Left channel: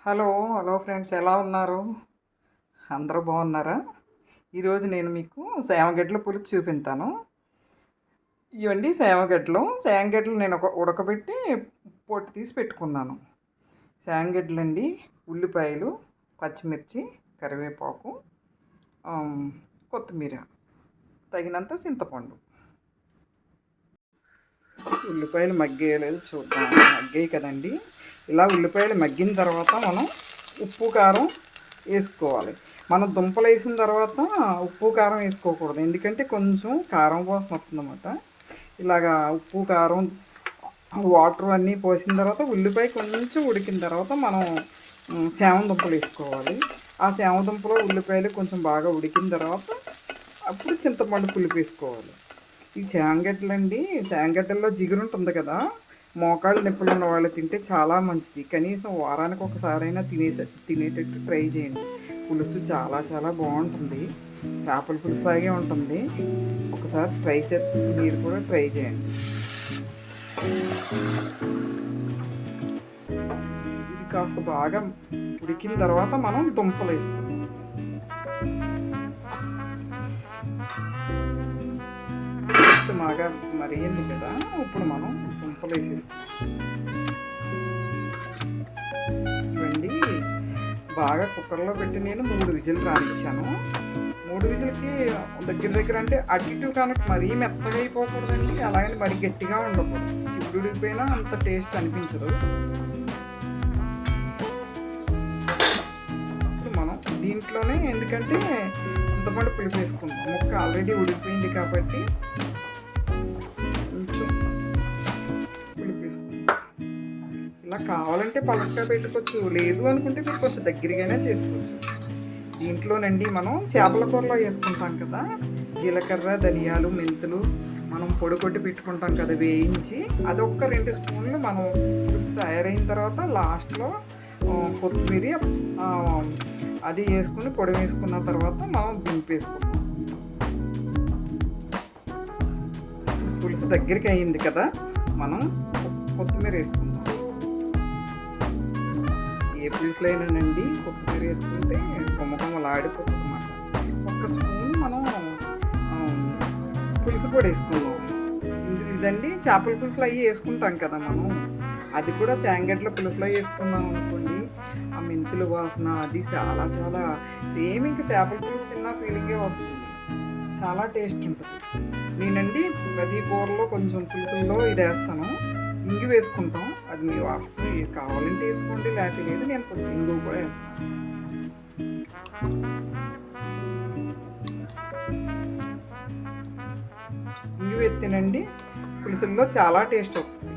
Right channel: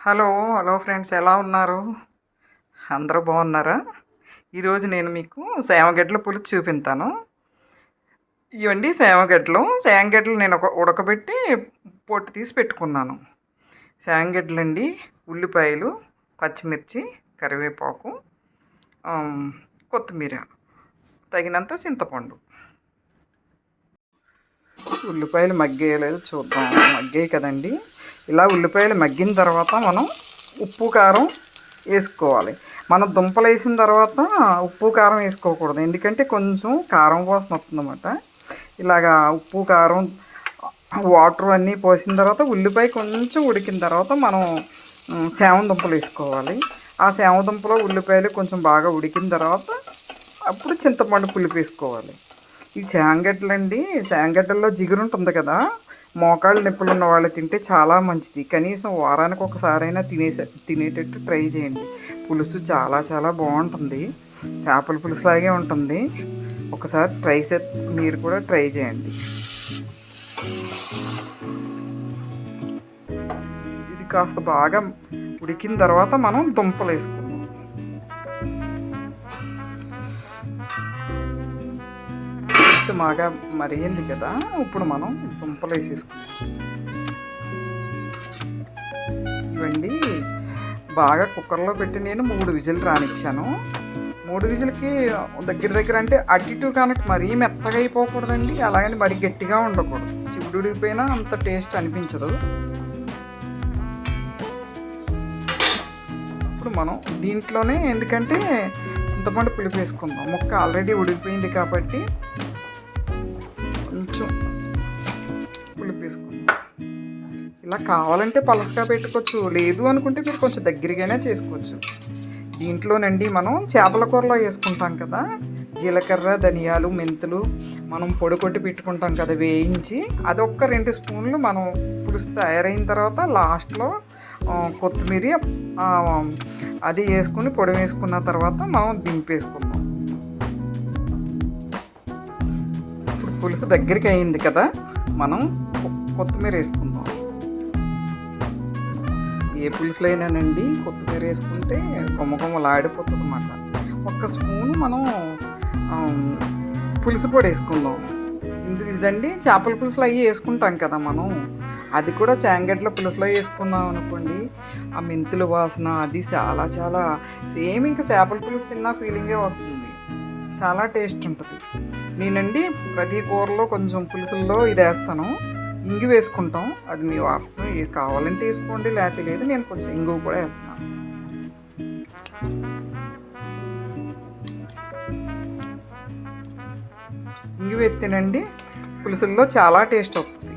Hello hello friends ఎలా ఉన్నారు? అందరూ బాగున్నారా? ఈరోజు నేను మీకు సేమగడ్డల పులుసు చూపింతాను. ఇవండి సేమగడ్డలు. సేమగడ్డలు నేను ఒక ఉడకబెట్టి పొట్టు తీసి పెట్టుకున్నాను. సేమగడ్డలు అండి ఉల్లిపాయలు పచ్చిమిర్చి కరివేపాకు కొత్తిమీర తగినంత చింతపండు. ఉల్లిపాయలు మగ్గేయలేదు చూద్దాం. మగ్గాయి కదండి. ఇలా ఉల్లిపాయలు మగ్గిన తర్వాత మనం ఉప్పు కారం వేసుకోవాలి. మనం దుంపలు వేసిన తర్వాత ఉప్పు కారం వేసుకోకూడదు. ఎందుకంటే కొంచెం కారం వాసన వస్తుందన్నమాట. ఇలాగా ఉప్పు కారం వాటర్ అన్నీ పోసిన తర్వాత ఉల్లిపాయ కొంచెం ఉడికిన తర్వాత మనం ఉమ్, సేమ దుంపలు వేసుకోవాలి. ఆ సేమ దుంపలో ఉల్లిపాయలు కొంచెం బాగా ఉడికిన తర్వాత అప్పుడు చింతపండు పులుపు వేసుకోవాలి. ఈ శాంగడ్డలండి శాంగడ్డల్లో జిగురు ఉంటుంది కదా మోకాళ్ళు నొప్పులు ఉన్న వాళ్ళు తింటే చాలా మంచిది. కనీసం వారానికి ఒకసారైనా తినేసే తినేటట్టు ట్రై చేయండి. పులుసు చాలా చాలా బాగుంటుంది. చేపల పులుసు లాగే ఉంటుంది. ఒకసారి ట్రై చే మీరు కూడా ట్రై చేయండి. ఇది కాస్త బాగా ఉడికిన తర్వాత మనం దుంపలు వేసుకుందాం పులుసు బాగా మరిగింది కదా ఇప్పుడు మనం దుంపలు వేసేసుకుందాం. బాగా కుక్కర్లో పెట్టి నేను మూడు విజిల్ రానిచ్చాను. మూడు విజిల్కి దగ్గర దగ్గర అంటే అటు ఇటు కనుక మరీ మెత్తగా అయిపోకూడదండి అలాగని మరీ గట్టిగా ఉండకూడదు. చిగుడు అంత టేస్ట్ అనిపించదు. ఇప్పుడు మనం దీంట్లోనే ఎందుకంటే చింతపండు పులుపు వేసుకుందాం. ముక్క ఆల్రెడీ ఉడికిపోయింది కాబట్టి ఇలా కావాలంటే పలసగా పెట్టుకోవచ్చు. లేదు అనుకుంటే మీరు కొంచెం దగ్గరగానే చేసుకోవచ్చు. దీంట్లోనండి మనం చేపల కూరలో వేసుకుంటాం కదా. జీలకర్ర ధనియాలు మెంతులు మనం పొడి కొట్టి పెట్టుకుంటాం కదా వేయించి అది ఒక్క రెండు స్పూన్లు మనం పులుసు తయారైన తర్వాత లాస్ట్లో కొత్తిమీర అది వేసుకుని పొడి వేసుకున్న తర్వాత మనం దింపేసుకుంటాం. ఇప్పుడు పులుసు దగ్గరికి అయింది కదా. మనం కొత్తిమీర వేసుకుంటాం ఏ పులుసులో అయినానండి కొత్తిమీర వేసుకుంటే కొమ్మ కొమ్మలు ఆడిపోతుంది అన్నమాట. ఒక్క స్పూన్ మనం పులుసు పొడి వేసుకుందాం. ఇది- ఇదండి చేపల పులుసులు అవి వేసుకుంటాం కదా మనం. అది కూడా చాంగడ్ల పులుసులో వేసుకున్నాం అనుకోండి. ఆ మెంతులు వాసన అది చాలా చాలా సేమ్ ఇంకా చేపల పులుసు తిన్నా ఫీలింగే వస్తుంది. చాలా టేస్ట్ ఉంటుంది. నేనండి ప్రతి కూరలో కొంచెం పులుసుల్లో ఇది వేస్తాను ఇంగు వేసుకుంటాం. అది మీ వాసన కావాలంటే వేసుకోండి లేకపోతే లేదు నేను కొంచెం ఇంగు కూడా వేస్తాను. ఇంగు ఎత్తినండి పులుసుల్లో చాలా టేస్ట్ వస్తుంది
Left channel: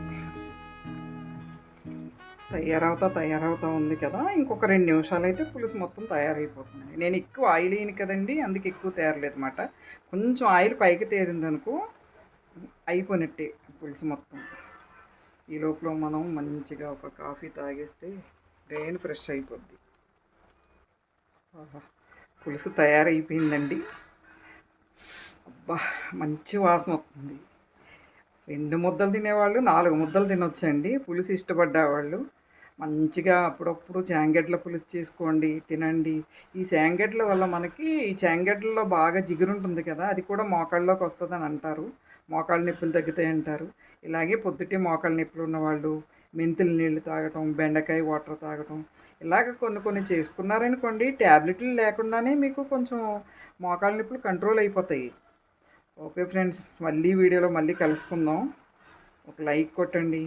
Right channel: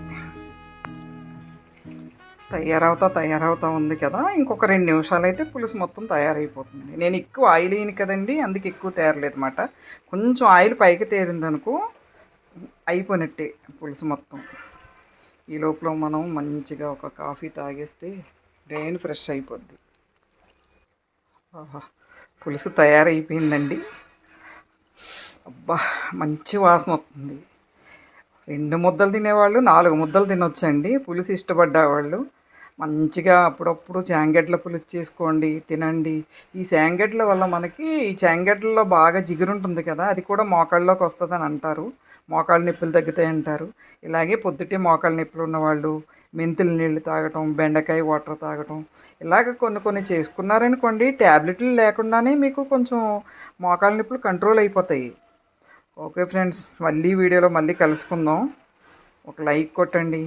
తయారవుతా తయారవుతా ఉంది కదా. ఇంకొక రెండు నిమిషాలు అయితే పులుసు మొత్తం తయారైపోతుంది. నేను ఎక్కువ ఆయిల్ వేయను కదండి అందుకే ఎక్కువ తేరలేదు అనమాట కొంచెం ఆయిల్ పైకి తేరిందనుకో అయిపోయినట్టే పులుసు మొత్తం. ఈ లోపల మనం మంచిగా ఒక కాఫీ తాగేస్తే బ్రెయిన్ ఫ్రెష్ అయిపోద్ది. పులుసు తయారైపోయిందండి. అబ్బా మంచి వాసన వస్తుంది. రెండు ముద్దలు తినేవాళ్ళు నాలుగు ముద్దలు తినొచ్చండి. పులుసు ఇష్టపడ్డవాళ్ళు. మంచిగా అప్పుడప్పుడు శాంగడ్ల పులుసు చేసుకోండి తినండి. ఈ శాంగడ్ల వల్ల మనకి ఈ శాంగడ్లలో బాగా జిగురు ఉంటుంది కదా అది కూడా మోకాళ్ళలోకి వస్తుందని అంటారు. మోకాళ్ళ నొప్పులు తగ్గుతాయి అంటారు ఇలాగే పొద్దుటే మోకాళ్ళ నొప్పులు ఉన్నవాళ్ళు మెంతుల నీళ్ళు తాగటం బెండకాయ వాటర్ తాగటం ఇలాగ కొన్ని కొన్ని చేసుకున్నారనుకోండి ట్యాబ్లెట్లు లేకుండానే మీకు కొంచెం మోకాళ్ళ నొప్పులు కంట్రోల్ అయిపోతాయి. ఓకే ఫ్రెండ్స్ మళ్ళీ వీడియోలో మళ్ళీ కలుసుకుందాం. ఒక లైక్ కొట్టండి.